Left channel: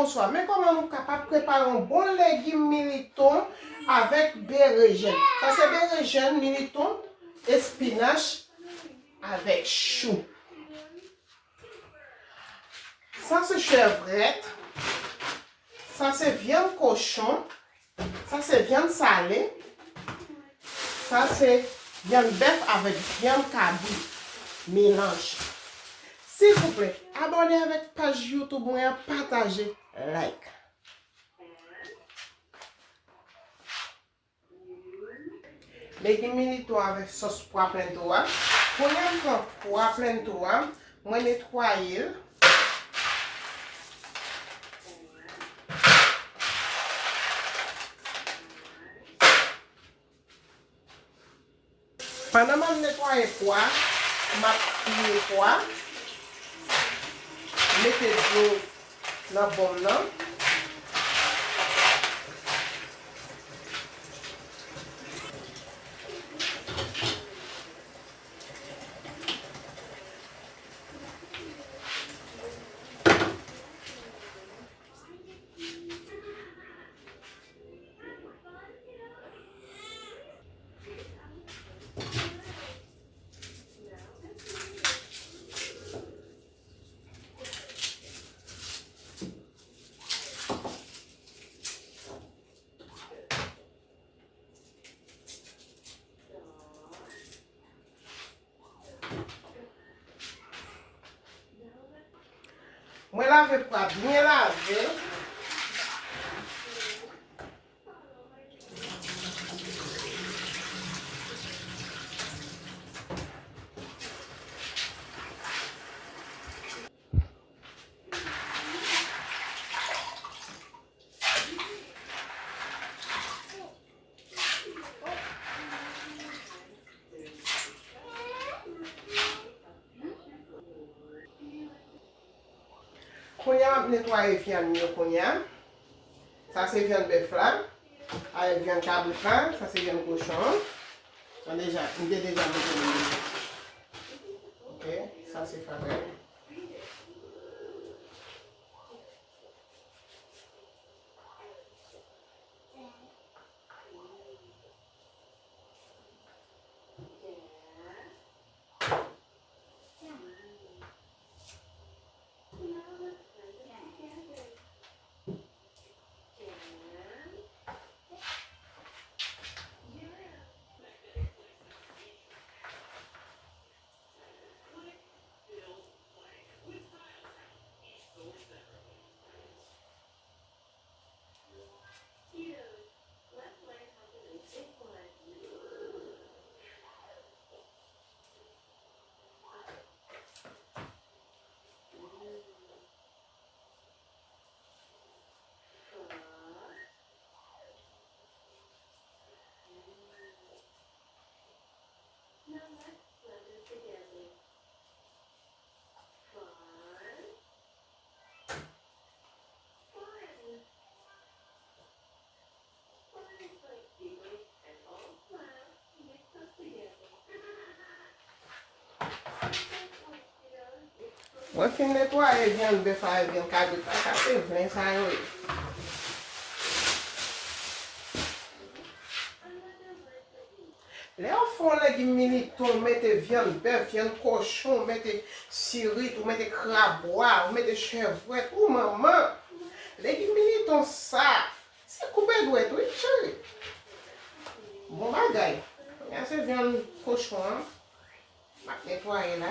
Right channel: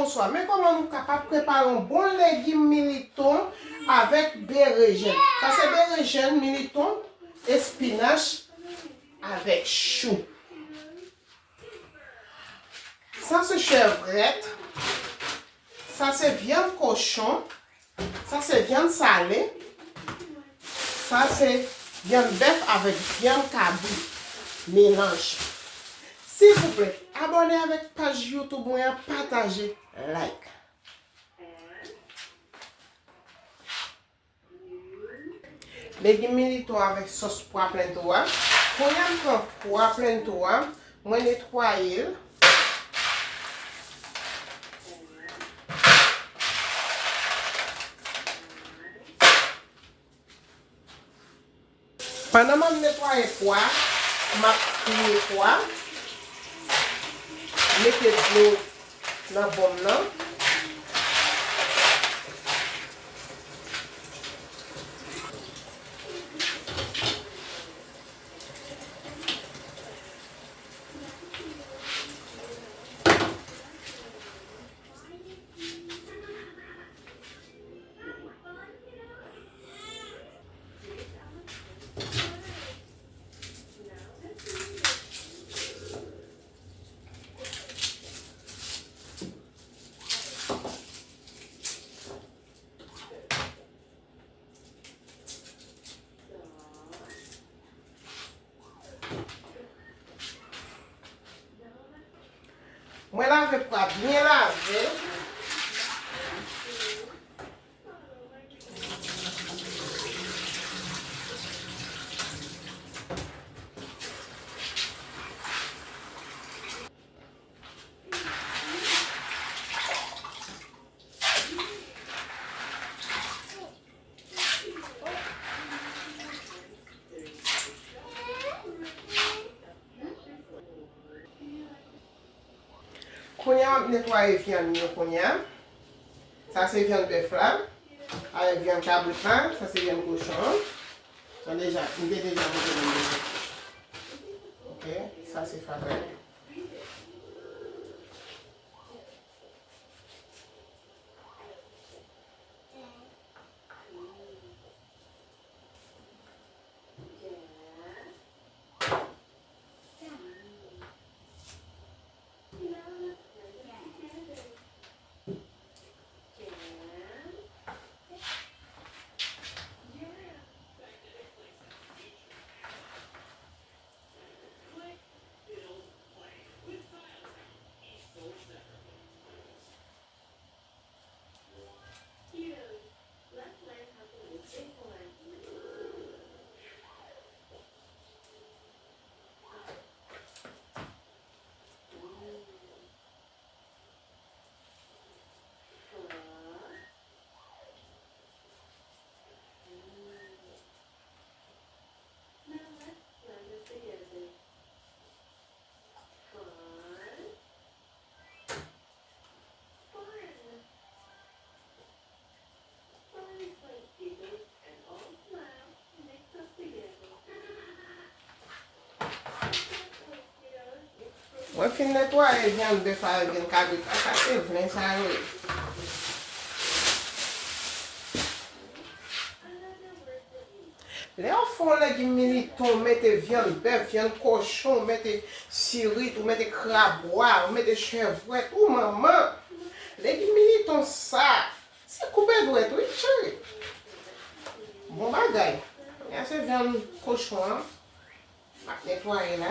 bonsoir. Mais comment nous sommes capables de préparer un bon légume militon avec bérégène? Ça c'est bérégène, militon, espinache avec chou. Ça c'est chevrette. Ça c'est viande cochon. Ça c'est viande salée. Ça c'est viande bœuf avec viande cabri. Mélange. S'il vous plaît, abonnez avec page YouTube, partagez, like. Légumes militants avec sauce poivre plein toit. Pour y prendre poivre plein toit, moi nettoyer. Pendant que je nettoie le poivre, je mets le poivre. Mettez de l'eau dans le bon. Moi lave pas bien laver. Konya nettoyer viande yo konya. Ça c'est viande bœuf là. Avec viande cabri là, ça c'est viande cochon. On déjà, il est déjà OK, ça c'est fait. Moi, je finis de nettoyer viande bœuf avec viande cabri. Ça, c'est vrai, ça, oui. Les enfants, les militants, mettez viande bœuf, viande cochon, mettez sirite, ou mettez crabois, ou mettez chevrette, ou maman. Les militants, ça, c'est coupé d'ouette, oui, chérie. Bon bagay. Il y a ces viande cochon, on va nettoyer là.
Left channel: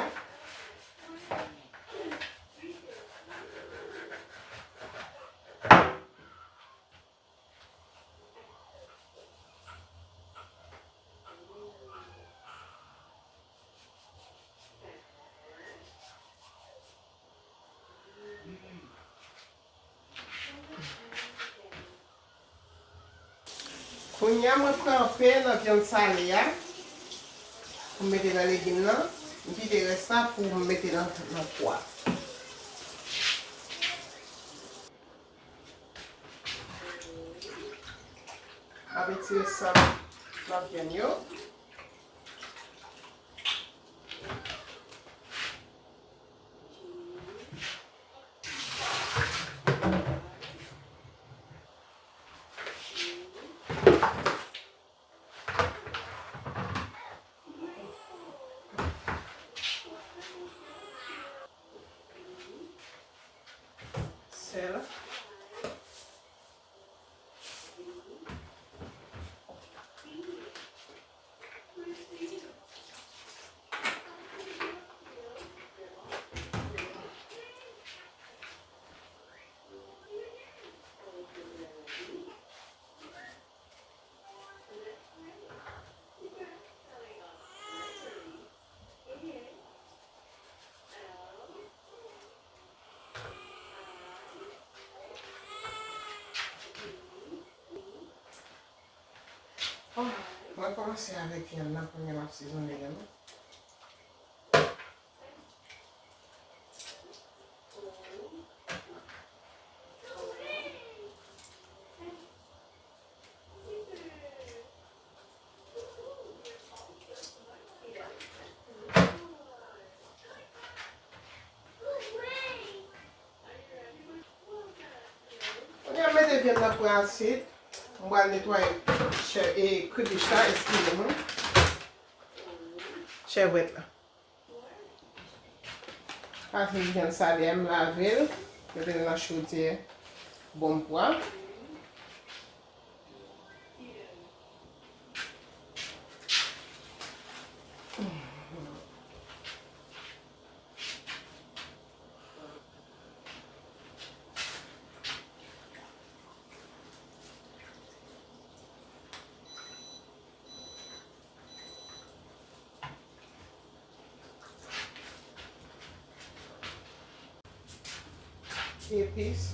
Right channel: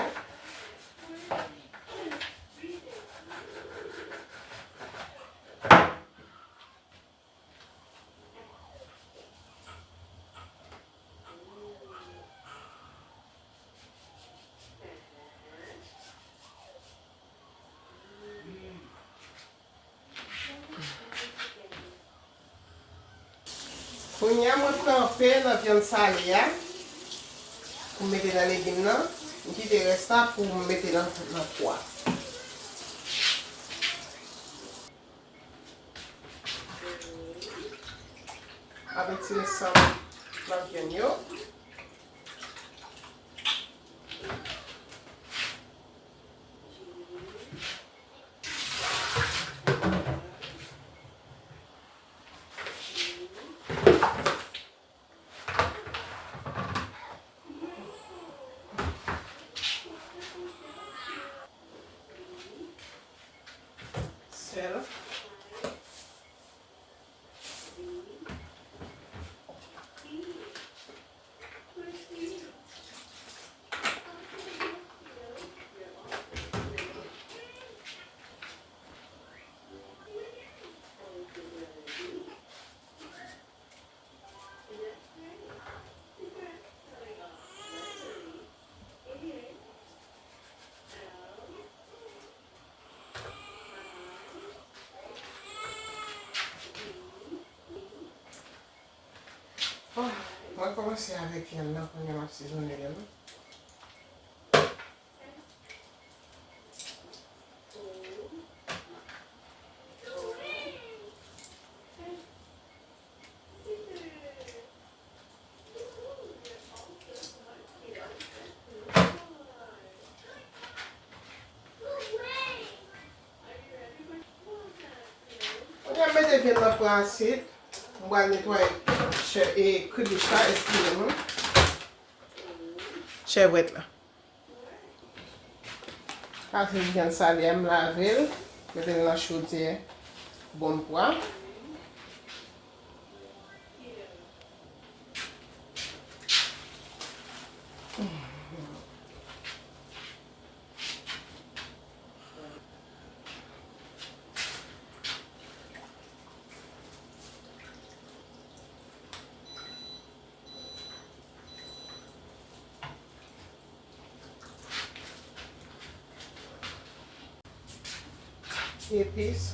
Pour moi, je prends un peu de viande salée pour mettre dans les légumes. Je dis le reste pour mettre dans le poivre. Avec ce sang, la viande. sel. Oh, on va commencer avec viande là pour nous assaisonner. On va mettre viande là pour assiette. On va nettoyer et crudiche là, excusez-moi. Chevrette là. Parce que viande salée, je laver. Mettre dans la chaudière. Bon poivre. Épices.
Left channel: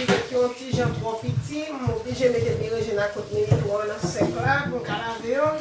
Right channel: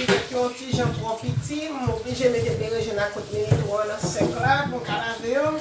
Si vous avez un petit jan trop petit, je suis obligé de mettre des rejets à côté de l'eau dans sec là pour laver.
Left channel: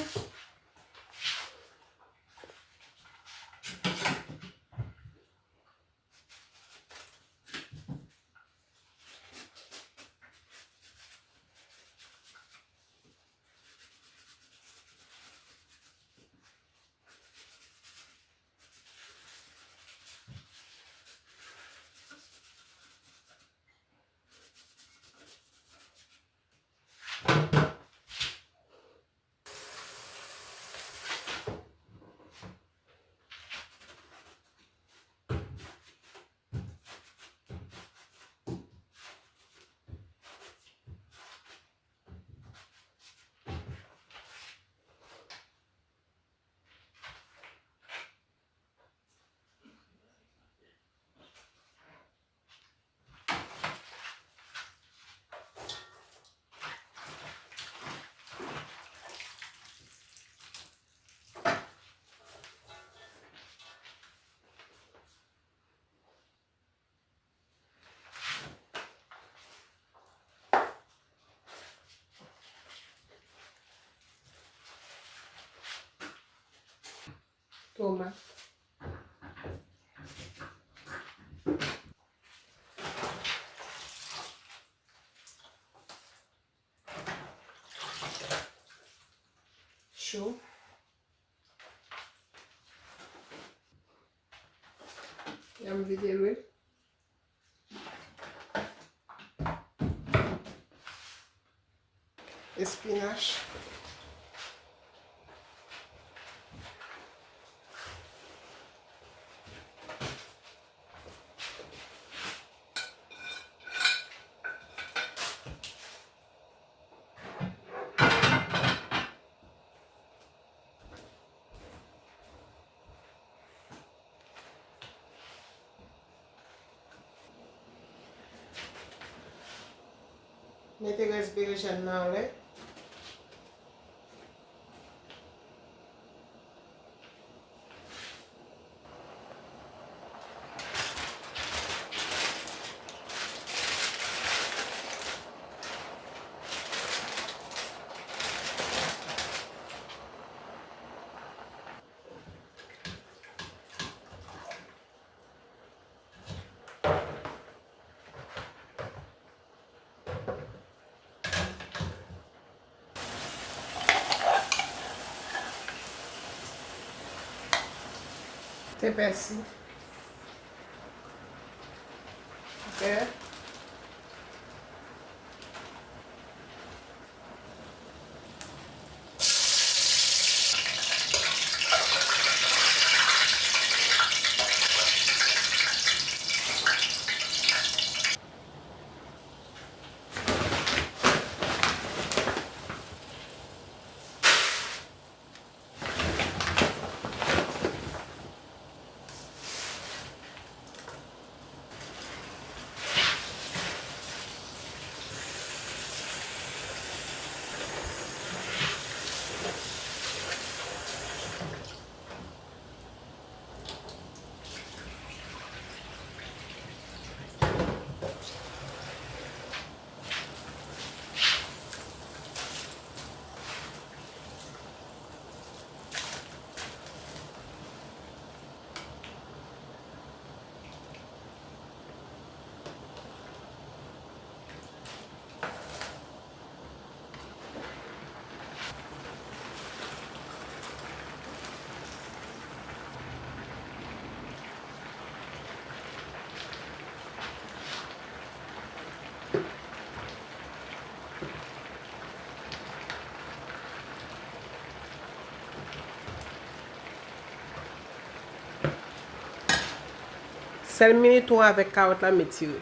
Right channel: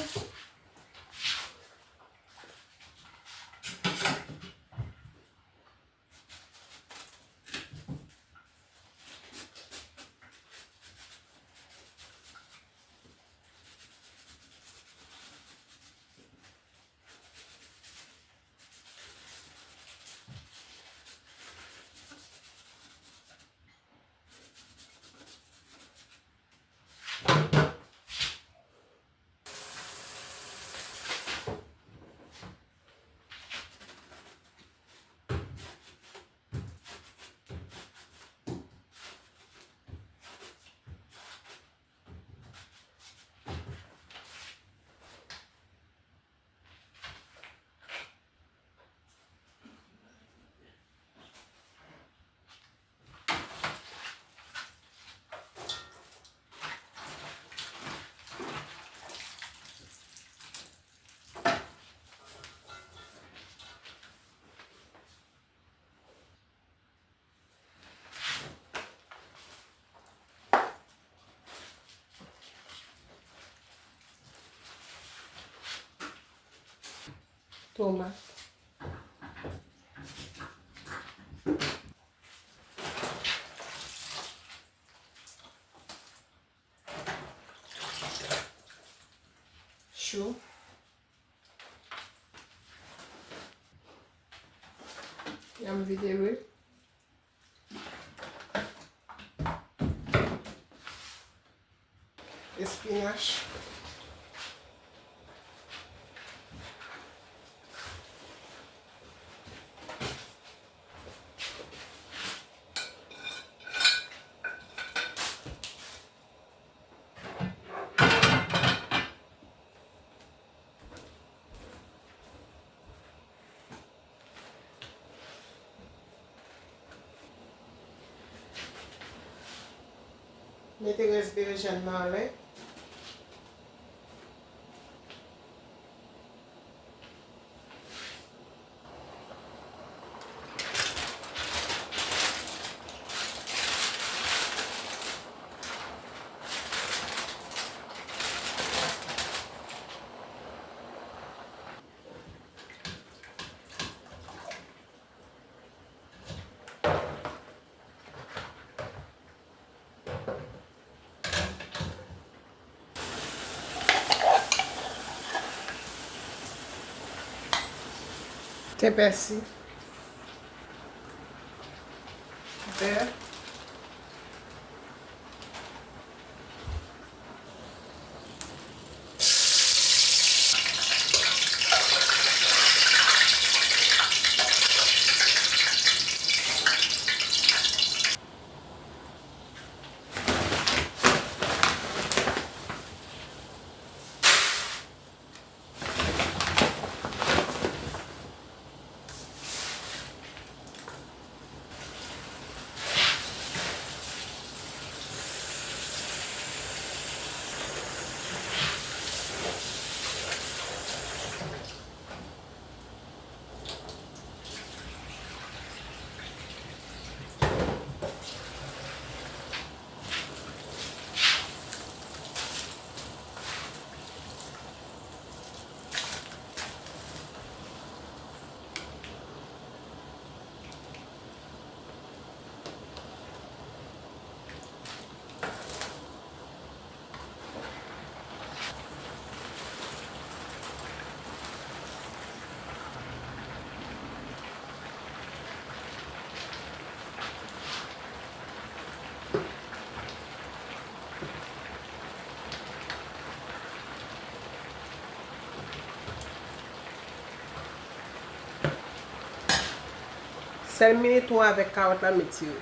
tomate. Chou. Yam vide. Espinach. Mete raspberry nan le. Te persil. Beurre. Sel miniton avèk karot la metire.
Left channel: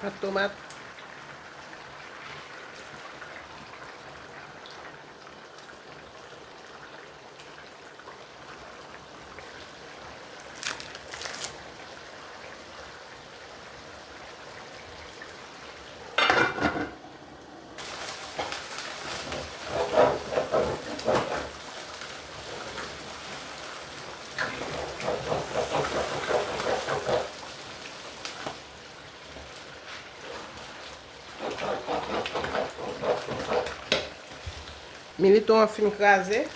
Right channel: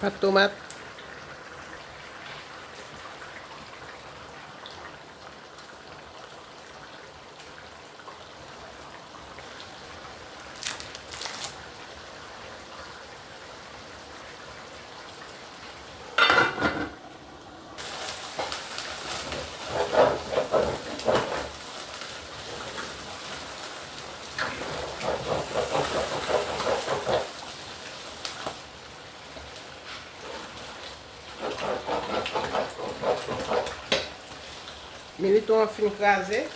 Pat tomate. Miniton fin krasé.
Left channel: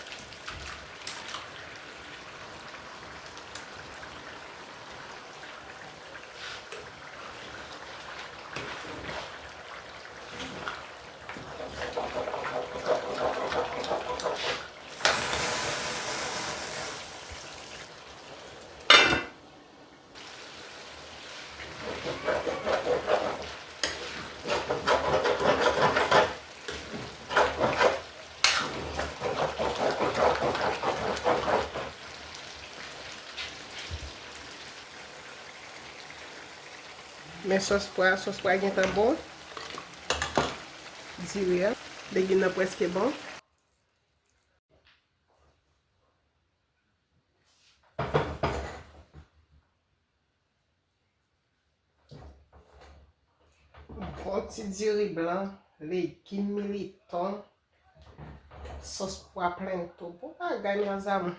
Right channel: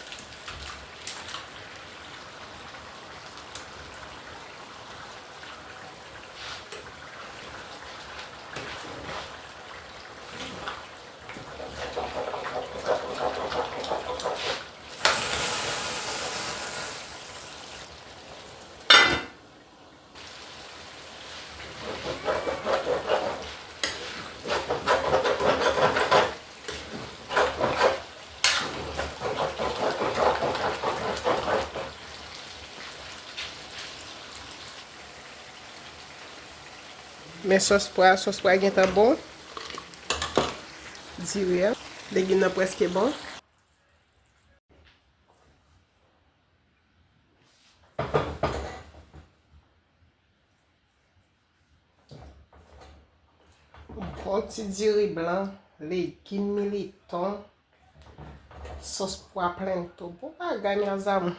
Men sos pra gen tan bon. Dire. Legin nan preske bon. Bon ti diri blanc légumes militants, sauce pois plein tout. Pour pas gagner ensemble.